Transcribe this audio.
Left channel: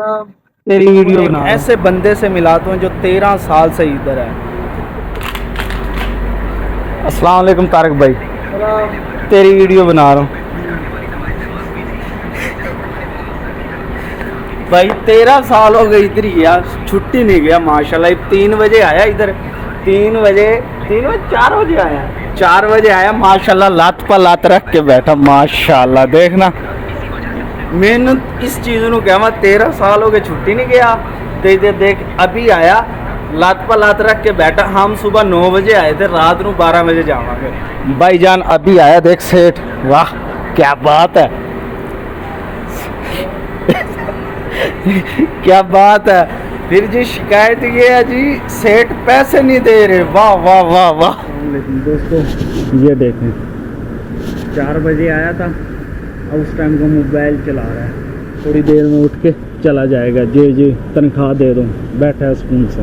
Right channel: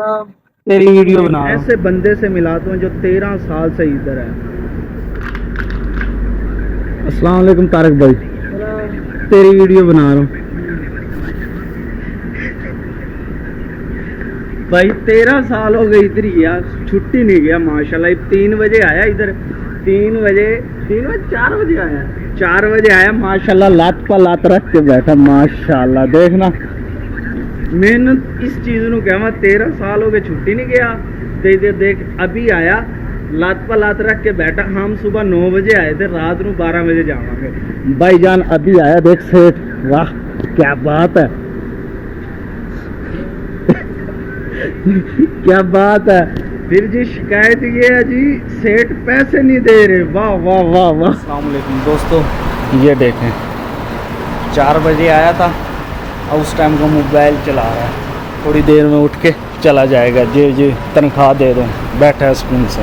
तेरी वीडियो बना रहा हूँ। ऐसे बंदे से मिलाता हूँ जो 13 साल से इधर है। अस्सलाम वालेकुम तारक भाई, तेरी वीडियो बना रहा हूँ। भाई 13 साल हो गए इधर ही गया, छुट्टी नहीं गया माशाल्लाह। 3 बजे आया इधर, 3 बजे 4 बजे आया, 4 बजे आया माशाल्लाह। लात पर लात रख के बैठा माशाल्लाह। देखना मेहनत इस चीज़ को कहवा, 13 साल हो गए छुट्टी नहीं गया। देख अभी आया, लात पर लात रख के बैठा। हम सुबह 9 बजे आए थे, रात को 12 बजे जावांगे। भाईजान अभी आया, देख सेठ, वाह क्या बात है। क्या बात है। फिर जी शिकायत ये है जी, सेठ पैसे नहीं दे रहे। वाह वाह वाह वाह। अस्सलाम वालेकुम दोस्तों, ये देखें 4 बजे आया था, और उस टाइम का मोबाइल चला रहा है। थोड़ी देर में उठ के चला जाएगा। जी जी तनख्वाह दे दो, बैठा है सुकून से।